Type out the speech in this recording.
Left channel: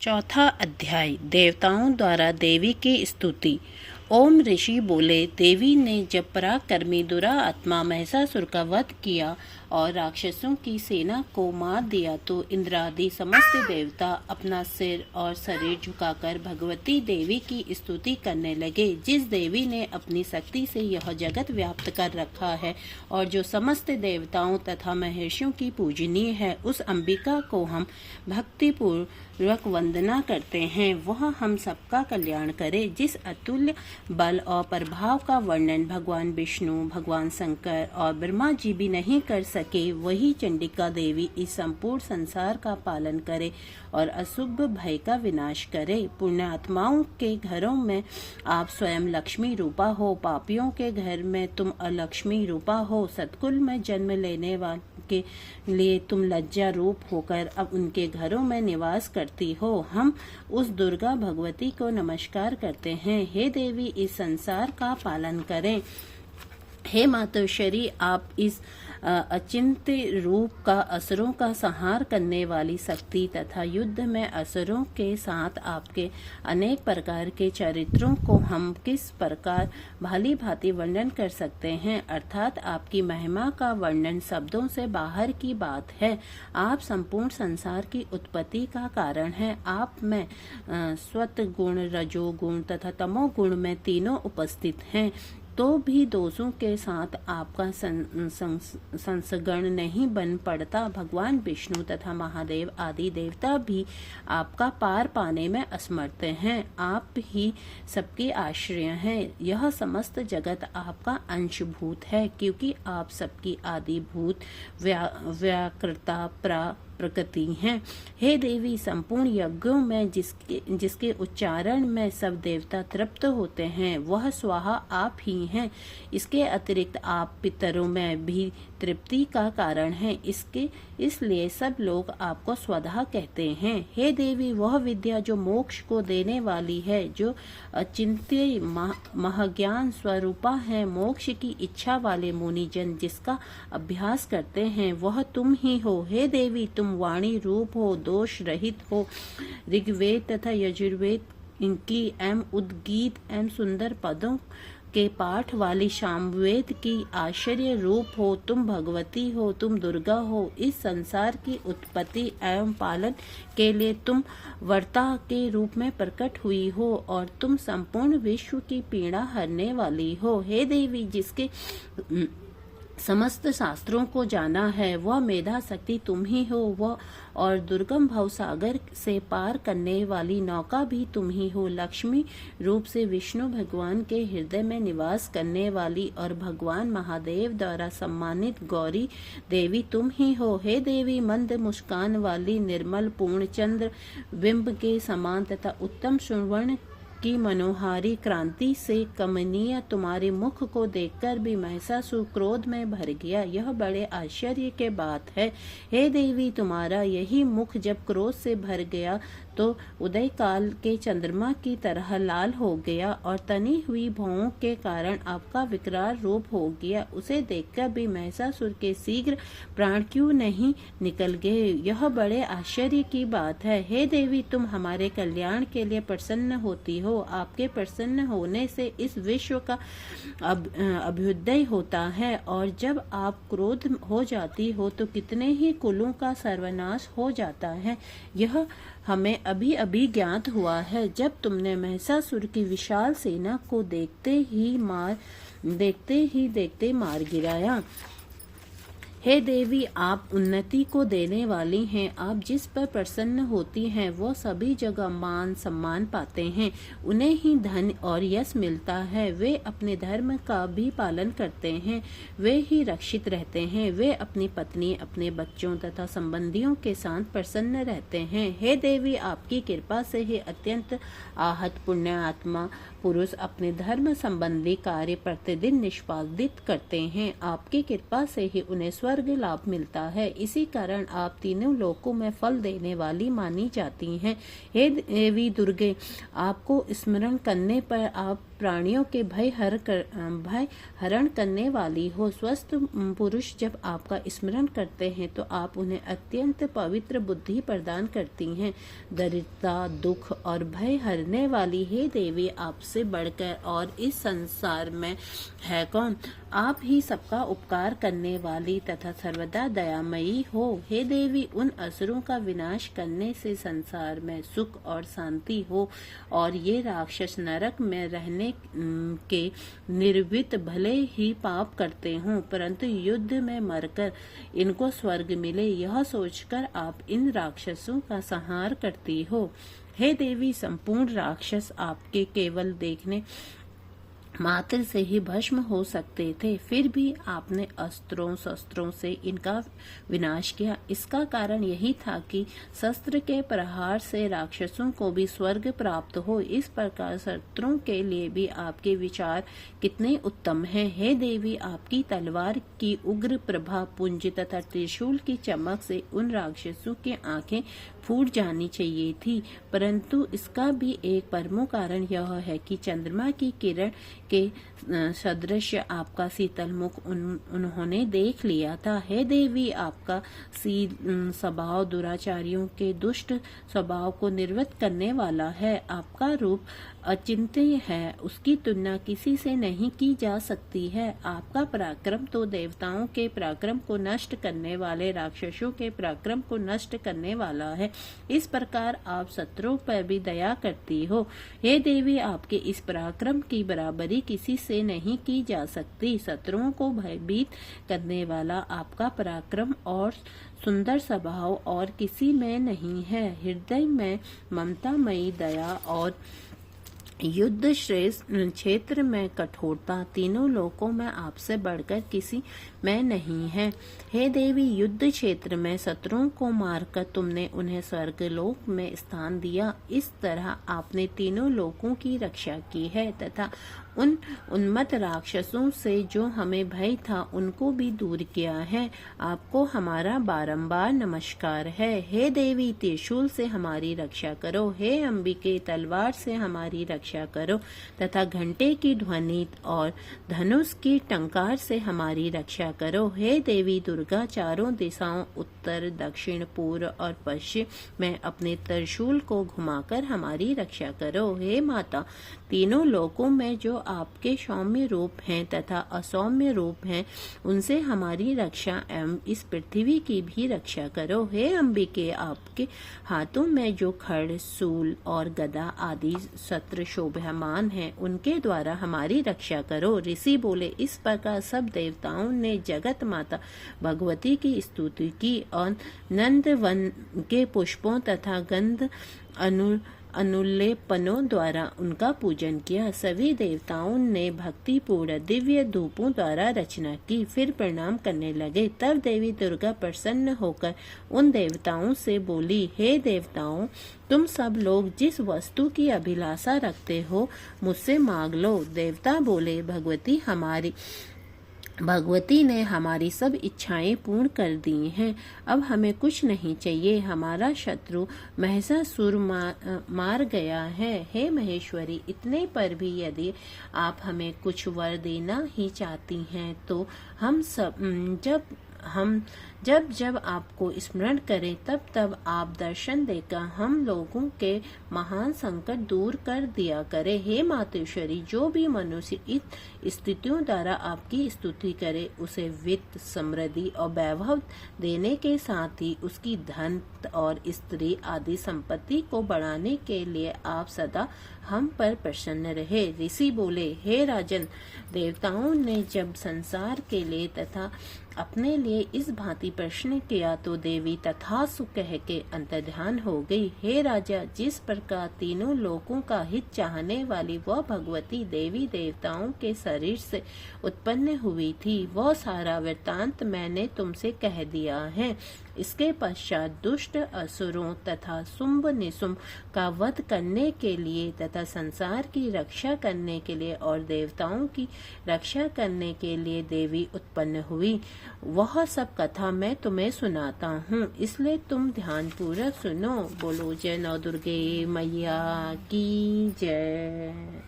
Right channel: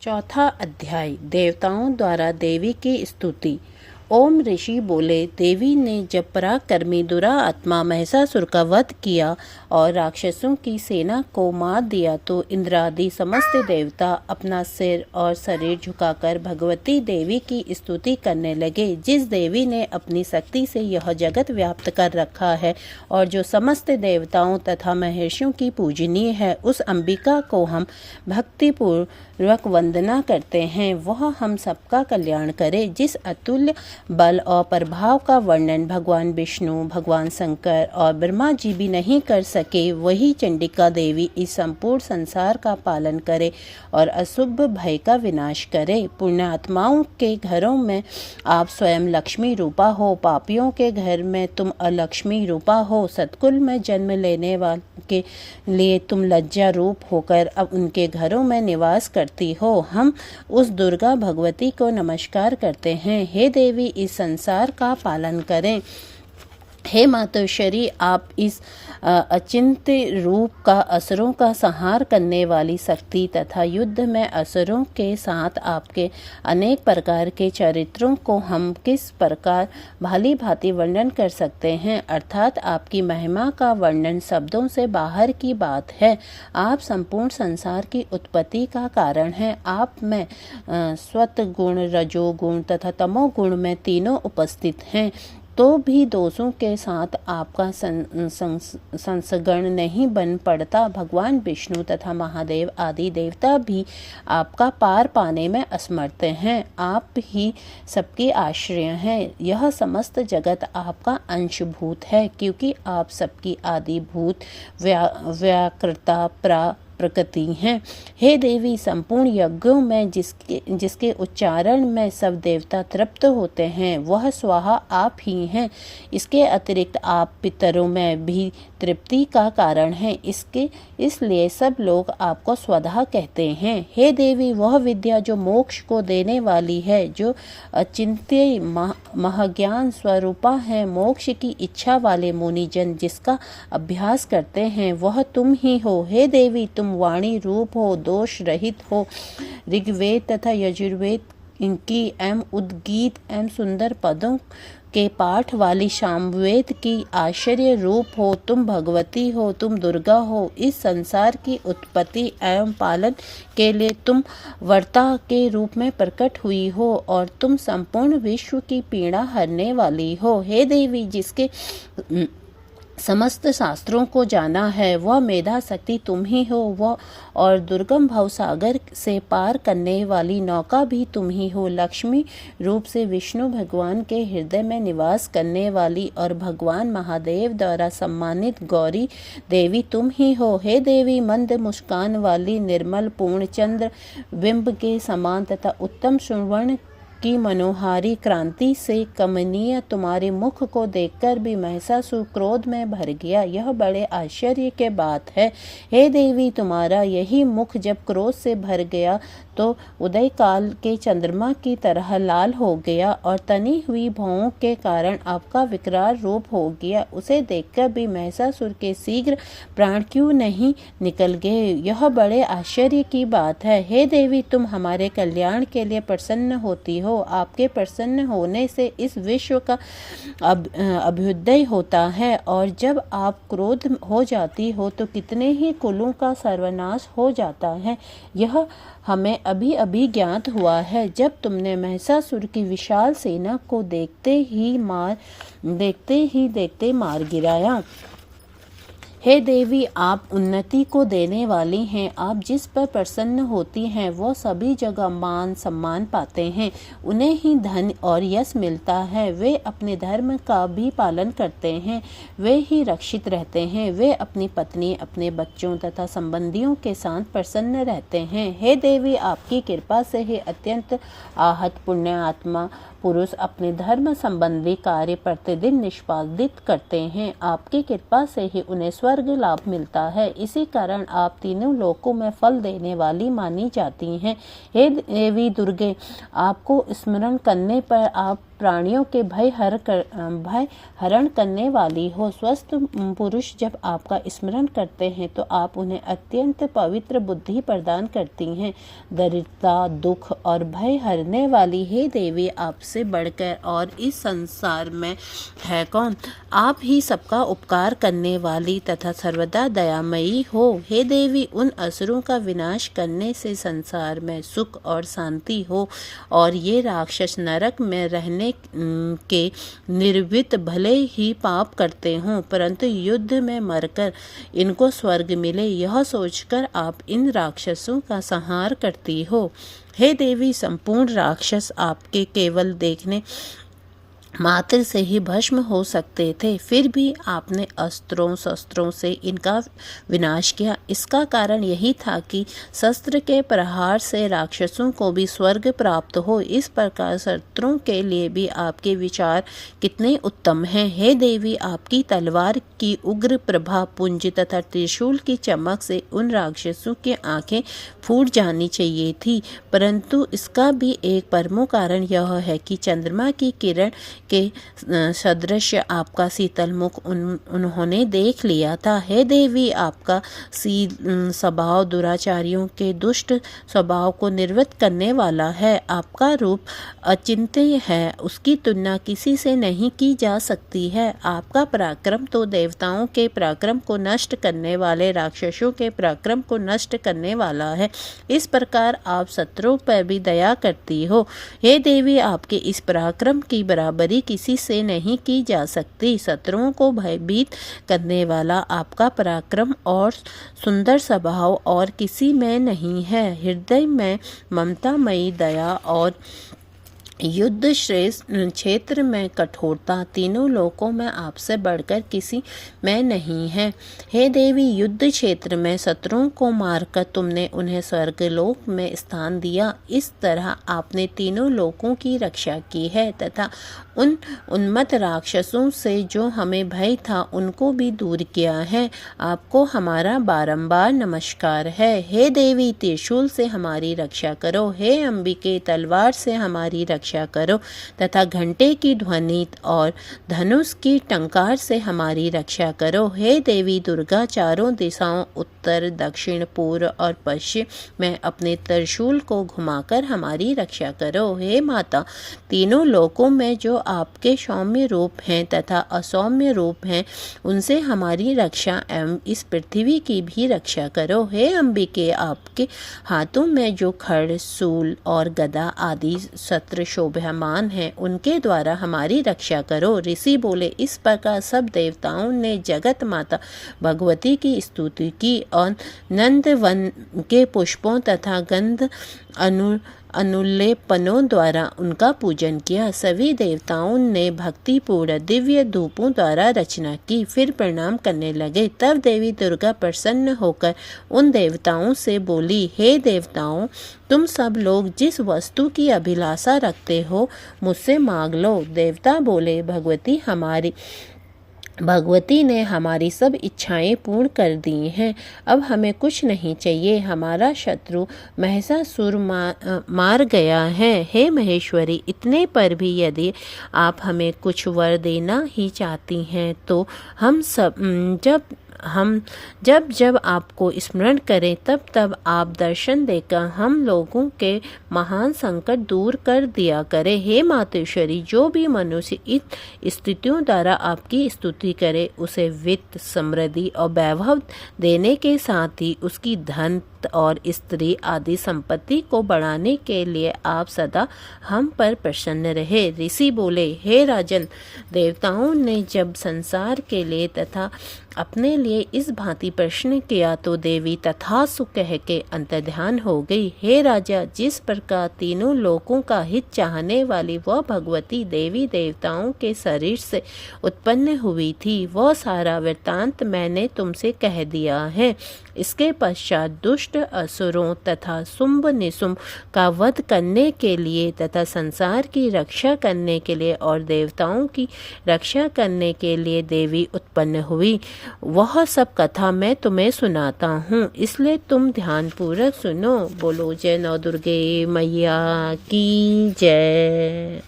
चौथा अध्याय देवताओं द्वारा देवी की स्तुति। ओम ऋषि बोले, देवी ने जब पराक्रमी दुरा आत्मा महिषासुर का वध किया और राक्षसों की सेना को मार दिया तो इंद्रादि समस्त देवता अपना सिर और शरीर झुकाकर भगवती देवी की स्तुति करने लगे। जिस देवी ने अपनी शक्ति से यह जगत व्याप्त कर रखा है और जो समस्त देवताओं तथा महर्षियों की पूजनीय है, उस अंबिका को हम भक्तिपूर्वक वंदना करते हैं। वह हम सबका कल्याण करे। जिस अतुल्य बल और प्रभाव का वर्णन भगवान विष्णु, भगवान शंकर और ब्रह्मा जी भी नहीं कर सके, वही चंडिका देवी इस संपूर्ण संसार का पालन करे और अशुभ भय का विनाश करे। पुण्यात्माओं के घरों में आप स्वयं लक्ष्मी रूपा हो, पापियों के घर में तुम अलक्ष्मी रूपा हो, सतकुल में जन्म लेने वाले के लिए तुम लज्जा रूप होकर अब उनके घरों में निवास करती हो। हम उस दुर्गा भगवती को नमस्कार करते हैं। हे देवी, इस संसार का पालन करें। हे मातोश्वरी, आप इस अचिंत्य रूप का असुरों का संहार करने वाली शक्ति तथा युद्ध में असुरों के साथ आपके अनेक प्रकार के चरित्रों को हम किस प्रकार भाली भांति वर्णन कर सकते हैं। अर्थात आपकी महिमा का वर्णन शब्दों से बाहर की बात है। आप संपूर्ण संसार की उत्पत्ति का कारण हैं। आप में सत्वगुण, रजोगुण तथा तमोगुण में तीनों उपस्थित हैं, तो भी दोषों के साथ आपका संसगण नहीं बन पड़ता। भगवान विष्णु तथा महादेव आदि देवता भी आपका पार पाने में असमर्थ हैं। आप ही सबके आश्रय हैं। यह समस्त जगत आपका अंशभूत है, क्योंकि आप सबकी आदिभूत व्याकृता प्रकृति हैं। हे देवी, संपूर्ण यज्ञों में जिसके उच्चारण में सब देवता तृप्त होते हैं, वह स्वाहा आप ही हैं। इसके अतिरिक्त आप पितरों में भी तृप्ति का कारण हैं। इसलिए सब लोग आपको स्वधा कहते हैं। हे देवी, वह विद्या जो मोक्ष को देने वाली है, जो अचिंत्य महाज्ञान स्वरूपा है, मोक्ष की इच्छा वाले मुनिजन जिसका अभ्यास करते हैं, वह तुम ही हो। हे देवी, तुम वाणी रूप हो, दोष रहित हो। ऋग्वेद तथा यजुर्वेद इनकी एवं उद्गीत एवं सुंदर पदों के पाठ वाली सामवेद की आश्चर्य रूप हो। तुम भगवती हो, तुम दुर्गा हो। इस संसार की उत्पत्ति एवं पालन के लिए तुम वर्ता के रूप में प्रकट हुई हो और तुम संपूर्ण विश्व की पीड़ा हरने वाली हो। हे देवी, जिसके समस्त शास्त्रों को जाना है, वह मेधा शक्ति तुम ही हो। वह और दुर्गम भव सागर से पार करने वाली नौका भी तुम ही हो। लक्ष्मी रूप से विष्णु भगवान के हृदय में निवास करने वाली और भगवान महादेव द्वारा सम्मानित गौरी देवी तुम ही हो। हे देवी, मंद मुस्कान वाली, निर्मल पूर्ण चंद्र बिंब के समान तथा उत्तम सुवर्ण की मनोहारी क्रांति से कमनीय तुम्हारे मुख को देखकर भी महिषासुर क्रोध में भर गया। यह बड़े आश्चर्य के बात है। हे देवी, तुम्हारा यही मुख जब क्रोध से भर गया तो उदय काल के चंद्रमा की तरह लाल हो गया और तनी हुई भौं के कारण आपका विकराल रूप हो गया। उसे देखकर भी महिषासुर के शीघ्र प्राण क्यों नहीं निकल गए, यह बड़े आश्चर्य की बात है। हे देवी, तुम हमारे कल्याण के लिए प्रसन्न होती हो। आपके प्रसन्न होने से इस विश्व का अभ्युदय होता है और जब आप क्रोध हो जाती हो तो कितने ही कुलों का सर्वनाश हो जाता है। यह हमें अभी अभी ज्ञात हुआ है, जब तुमने महिषासुर की विशाल सेना को देखते ही मार गिराया। हे देवी, आप उन्नति को देने वाली हैं। आप जिस पर प्रसन्न होती हैं, वो सभी जगह मान सम्मान पाते हैं। उन्हें ही धन और यश मिलता है। वे अपने धर्म का भी पालन करते हैं। वे ही रक्षित रहते हैं। वे अपनी पत्नी, अपने बच्चों तथा संबंधियों के साथ प्रसन्न रहते हैं। हे देवी, आपकी कृपा से ही अत्यंत आहत पुण्यात्मा पुरुष अपने धर्म संबंधी कार्य प्रतिदिन निष्पादित करते हैं। आपकी कृपा से ही उन्हें स्वर्ग लाभ मिलता है। इसी कारण आप तीनों लोकों में फल देने वाली मानी जाती हैं। हे देवी दुर्गे, आपको स्मरण करने पर आप प्राणियों के भय हरण करने वाली हो। स्वस्थ पुरुष जब आपका स्मरण करते हैं तो आप उन्हें अत्यंत पवित्र बुद्धि प्रदान करती हैं। दरिद्रता, दुख और भय हरने वाली हे देवी, आपसे बढ़कर और इस संसार में है कौन। आप ही सबका उपकार करने वाली तथा सर्वदा दयामयी हो। हे देवी, उन असुरों का विनाश करने से संसार में सुख और शांति हो और ये राक्षस नरक में रहने के निर्वित भले ही पाप करते हों, परंतु युद्ध में मरकर इनको स्वर्ग मिले, यह सोचकर आप इन राक्षसों का संहार करती हो। हे देवी, संपूर्ण राक्षस आपके केवल देखने मात्र से ही भस्म हो सकते थे, फिर भी आपने अस्त्रों शस्त्रों से इनका विनाश किया। इसका कारण यही था कि शस्त्र के प्रहार से राक्षसों को भी स्वर्ग प्राप्त हो। इस प्रकार शत्रुओं के लिए भी आपके विचार कितने उत्तम हैं। हे देवी, आपकी तलवार की उग्र प्रभा, पुंज तथा त्रिशूल की चमक से उन राक्षसों की आंखें फूट जानी चाहिए थी, परंतु इसका भी एक प्रमुख कारण यह है कि चंद्रमा की किरण के सदृश आपका शीतल मुख उन्होंने देख लिया था। हे देवी, आपका स्वभाव दुराचारियों के दुष्ट स्वभाव को निर्वृत्त करने वाला है। आपका रूप अचिंत्य है, उसकी तुलना किसी से नहीं की जा सकती है। आपका पराक्रम तो देवताओं के पराक्रम को नष्ट करने वाले राक्षसों के पराक्रम को नष्ट करने वाला है। इस प्रकार आप शत्रुओं पर भी दया करती हो। हे देवी, आपके इस पराक्रम की बराबरी किसी से नहीं की जा सकती। शत्रुओं को भयभीत करने वाला आपका पराक्रम और सुंदर स्वभाव और किसी में नहीं है। हृदय में ममतामयी दया और युद्ध श्रेष्ठ क्षेत्र में कठोरता तीनों लोकों में आपसे बढ़कर किसी में नहीं है। हे देवी, युद्ध क्षेत्र में शत्रुओं को मारकर तुमने उन्हें स्वर्गलोक में स्थान दिया। इस तरह आपने तीनों लोकों की रक्षा की है तथा उन उन्मत्त राक्षसों से जो हमें भय था उनको भी दूर किया है। आपको हमारा बारंबार नमस्कार है। हे देवी, त्रिशूल से हमारी रक्षा करो। हे अंबिके, तलवार से हमारी रक्षा करो तथा घंटे की ध्वनि और धनुष की टंकार से हमारी रक्षा करो। हे देवी दुर्गा, चारों दिशाओं उत्तर, दक्षिण, पूर्व और पश्चिम में अपने त्रिशूल को घुमाकर हमारी रक्षा करो। हे माता, तीनों लोकों में जो आपके सौम्य रूप हैं तथा असौम्य रूप हैं, उनसे हमारी रक्षा एवं इस पृथ्वी की भी रक्षा करो। हे अंबिके, आपके हाथों में जो खड्ग, शूल और गदा आदि शस्त्र शोभायमान हैं, उनके द्वारा हमारी रक्षा करो। ऋषि बोले, इस प्रकार सब देवताओं ने जगत माता भगवती की स्तुति की और नंदवन के पुष्पों तथा गंध अनुलेपनों द्वारा उनका पूजन किया। सभी देवताओं ने भक्तिपूर्ण दिव्य धूपों द्वारा रचना की, फिर प्रणाम करने लगे। तब देवी दुर्गा प्रसन्न होकर उन देवताओं से बोली, हे देवताओं, तुम सब लोग जिस वस्तु की अभिलाषा रखते हो मुझसे मांग लो। देवता बोले, भगवती ने हमारी सब इच्छाएं पूर्ण कर दी हैं, अब हमें कुछ नहीं चाहिए। हमारा शत्रु महिषासुर मार गया है। हे महेश्वरी, इतने पर भी यदि आप हमें कुछ वर देना ही चाहती हैं तो हम जब आपको स्मरण करें तब तब आप दर्शन देकर हम लोगों के महान संकट दूर कर दिया करें। हे मातेश्वरी, जो भी मनुष्य इस स्थितियों द्वारा आपकी स्तुति करे, उसे वित्त, समृद्धि और वैभव देने के साथ ही उसकी धन और स्त्री आदि संपत्ति को बढ़ाने के लिए आप सदा हम पर प्रसन्न रहे। ऋषि बोले, हे राजन, देवताओं ने जब संसार के लिए तथा अपने लिए इस भांति प्रश्न किया तो देवी तथास्तु कह के अंतर्ध्यान हो गई। हे राजा, जिस प्रकार तीनों लोकों का हित चाहने वाली वह भगवती देवी देवताओं के शरीर से उत्पन्न हुई थी, वह सारा वृत्तांत मैंने तुमसे कह दिया है। इसके पश्चात दुष्ट दुष्ट असुरों तथा शुंभ निशुंभ का वध करने के लिए तथा संसार की रक्षा करने के लिए और देवताओं की रक्षा करने के लिए देवी उत्पन्न हुई। वह सब कथा मैं तुम्हें सुनाता हूँ, इसलिए तुम ध्यानपूर्वक सुनो। बोलो जय नौ दुर्गे मैया की जय।